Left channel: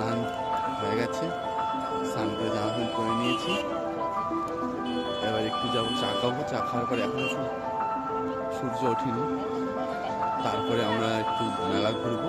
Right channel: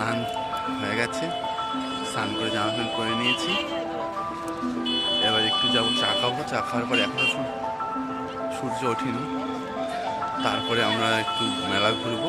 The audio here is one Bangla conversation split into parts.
স্নান হয়ে গেছে। স্নান করে জামা প্যান্ট করে নিয়েছি। এবার একটু যাব চা খাব, চা খাওয়ার পরে এখন সূর্য ওঠেনি। তারপরে আমরা একটু মেলা ঘুরবো।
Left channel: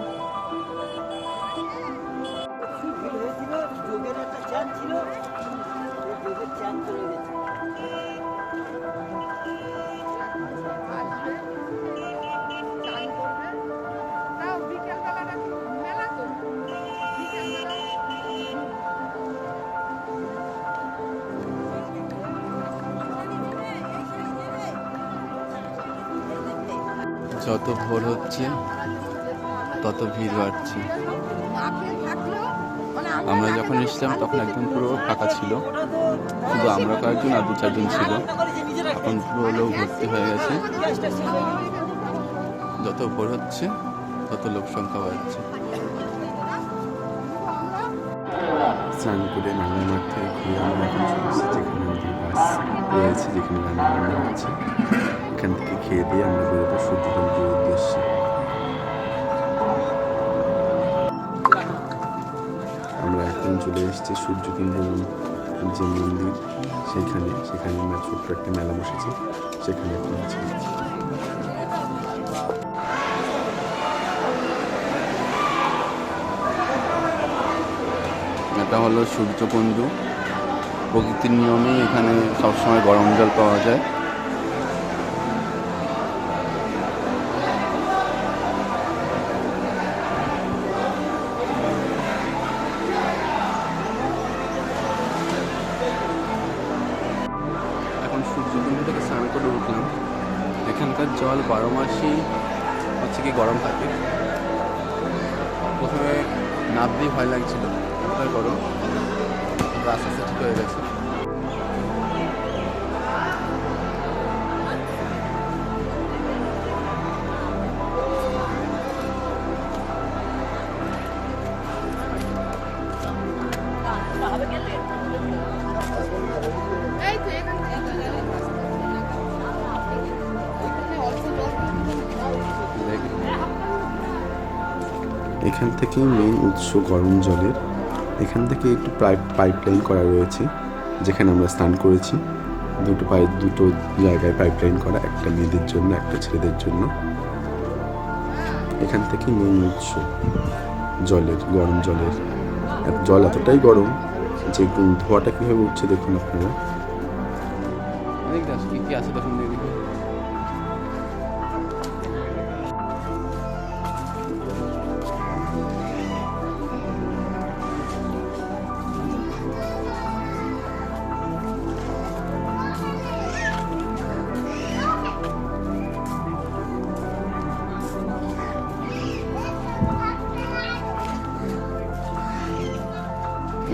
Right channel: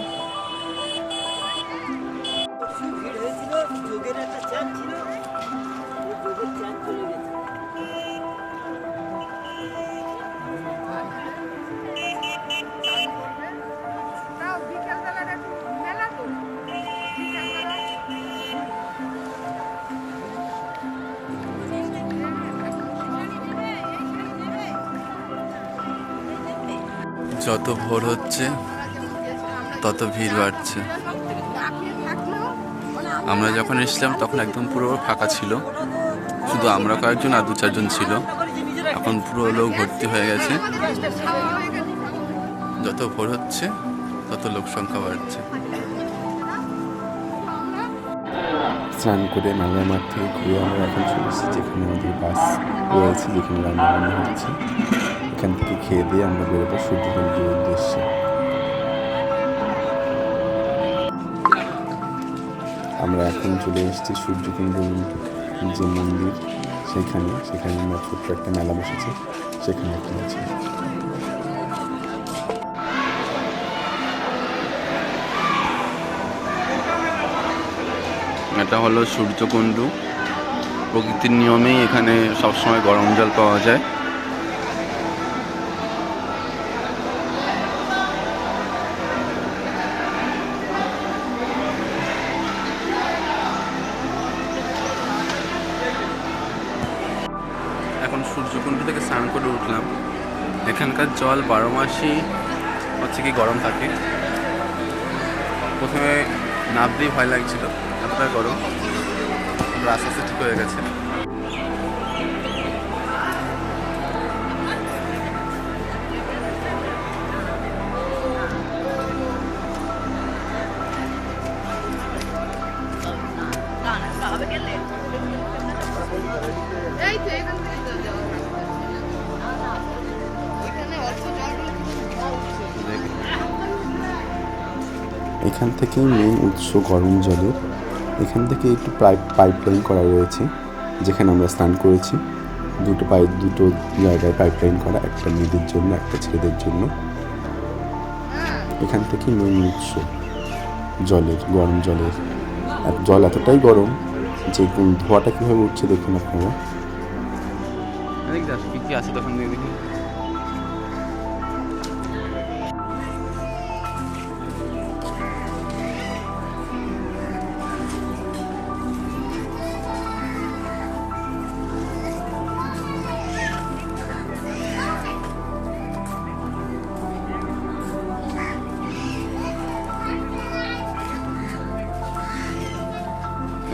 যত ভোর হচ্ছে, তত ভিড় বাড়ছে। আমরা যখন এসেছিলাম, তখন একদম পুরো ফাঁকা ছিল। শুধু আমরা কয়েকজন আর দু চারজন ছিল। এখন পুরো লোক ভর্তি হয়ে গেছে। যত ভোর হচ্ছে, তত লোক সংখ্যা বাড়ছে। স্নান করে মাংলা মাঠ ঘুরে আমরা এখন চলে এসেছি। যেখানে আমাদের বাস রয়েছে, যেখানে রান্না বান্না হচ্ছে। এখান থেকে খেয়ে দিয়ে আমরা বেরোবো সূর্যমন্দিরের উদ্দেশ্যে। আমরা এখন চলে এসেছি সূর্যকুণ্ড যে মন্দির সেখানে। সেখানে আমরা ছোট্ট একটা মেলা বসেছে, সেখানে এখন আছে। এটা হলো সূর্যকুণ্ডু। প্রকৃতির নিয়মেই এখানে সবসময় গরম জল পাওয়া যায়। সূর্যকুণ্ড থেকে স্নান করে উঠলাম। এখানকার জল বারো মাসই হচ্ছে কি গরম থাকে। প্রথমে নাবতেই ভয় লাগছিল, এতটা গরম। আস্তে আস্তে ঠিক হয়ে গেছে। এখান থেকেই মেন উৎস গরম জলের। এখান থেকে একটু পাইপ পাইপ লাইন করা রয়েছে, যেখানে আমরা স্নান করেছি। দুটো পাইপ দুটো জায়গায় পাইপ লাইন করা, একটা মেয়েদের জন্য, একটা ছেলেদের জন্য। এখান থেকে মেন উৎস জলের, গরম জলের। জল এতটাই গরম যে ধোয়াটা কীভাবে উঠছে দেখুন আপনারা। আছে তখন দেখি।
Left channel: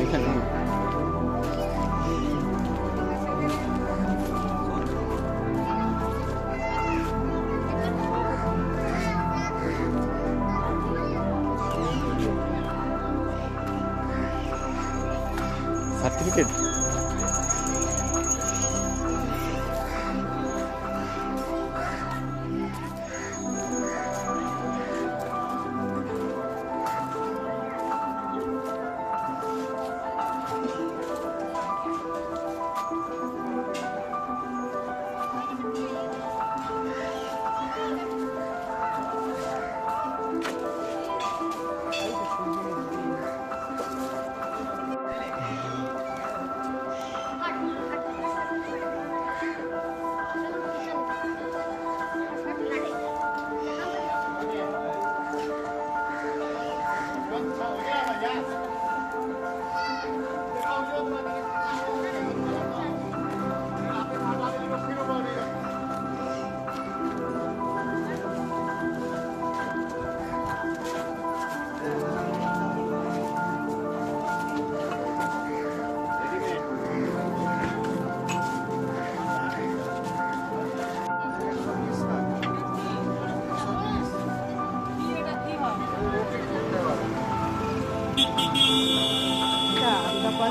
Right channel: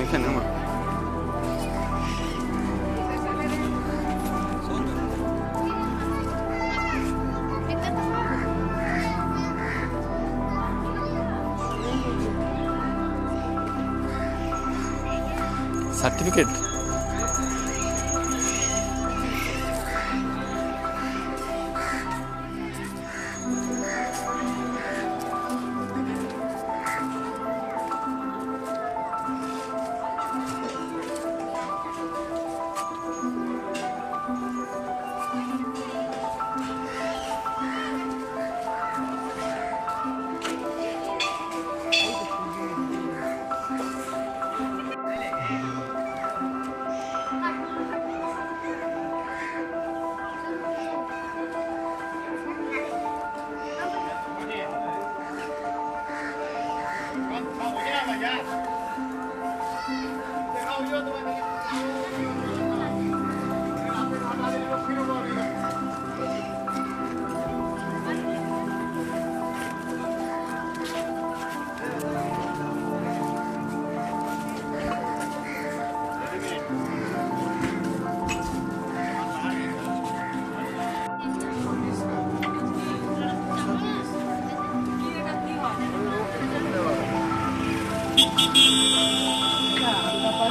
এখানে আমার। সার্টিফিকেট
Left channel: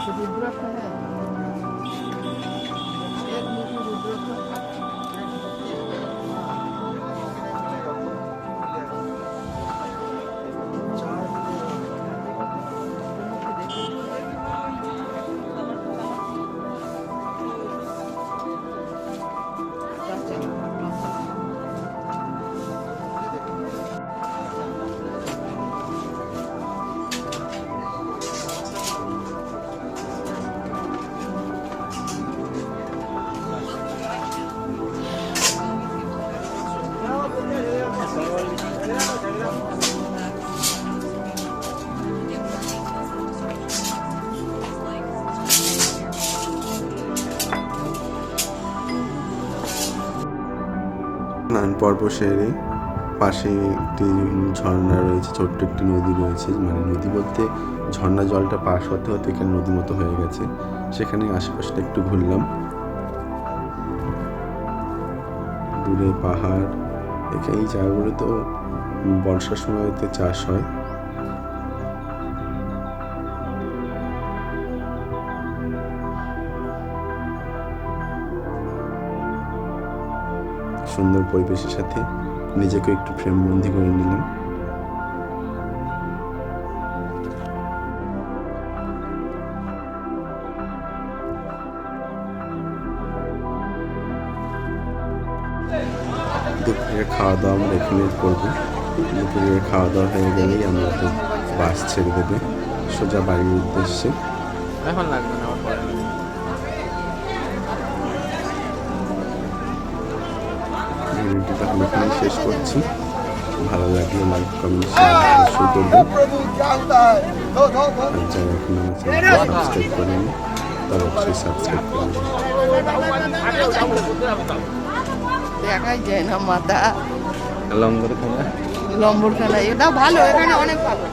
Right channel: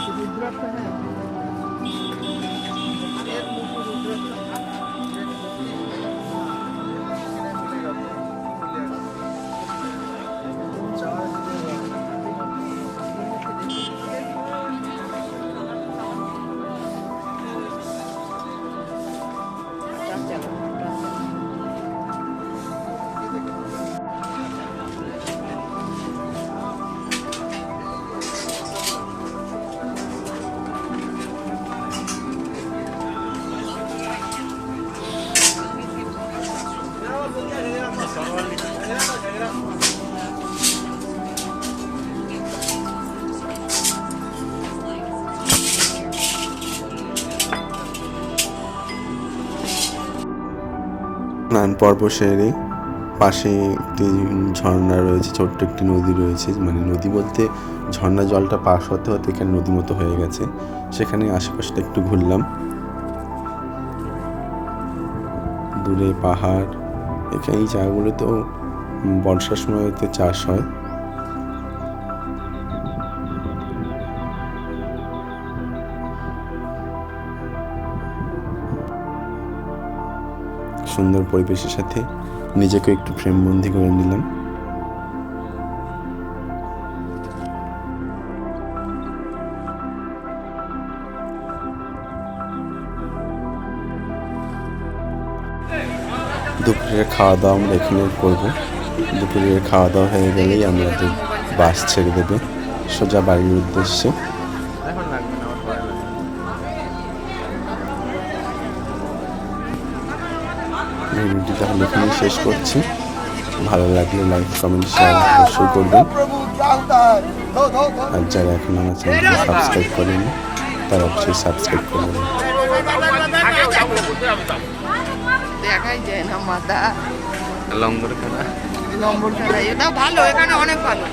আমরা পাশে রুদ্রাক্ষ নেই এর স্নান পর্ব সেরে পাশে একটি ঝর্ণা রয়েছে, ছোট্ট একটি নদী রয়েছে। মানে নদী বলতে ঝর্ণা জলটা পাশ হতে হতে এখানে নদী মতো হয়ে গেছে। সেখানে আশেপাশটা একটু ঘুরলাম। দূরে পাহাড়। এখানে এই জায়গাগুলো তো বর্ষার সময়তে চাষ হয়। সুন্দর পরিবেশের সাথে নিজেকে একটু ফ্রেমবন্দি করে নিলাম। দুপুরের খাওয়া দাওয়া আমরা এখানে করব। দুপুরের খাওয়া দাওয়া হয়ে গেলেই আমাদের বাস ছেড়ে দেবে। সোজা বাড়ির উদ্দেশ্যে। ভিডিওটি এখানেই শেষ করছি। ভালো লাগলে লাইক কমেন্ট শেয়ার অবশ্যই করবেন। আর যারা এখন আমার চ্যানেলকে সাবস্ক্রাইব করেন তারা অবশ্যই সাবস্ক্রাইব করবেন দেখাই যায় না মাথা। লঙ্গর খেলা? লম্বর খেলা এটা ভালো এখানে অনেক ভালো।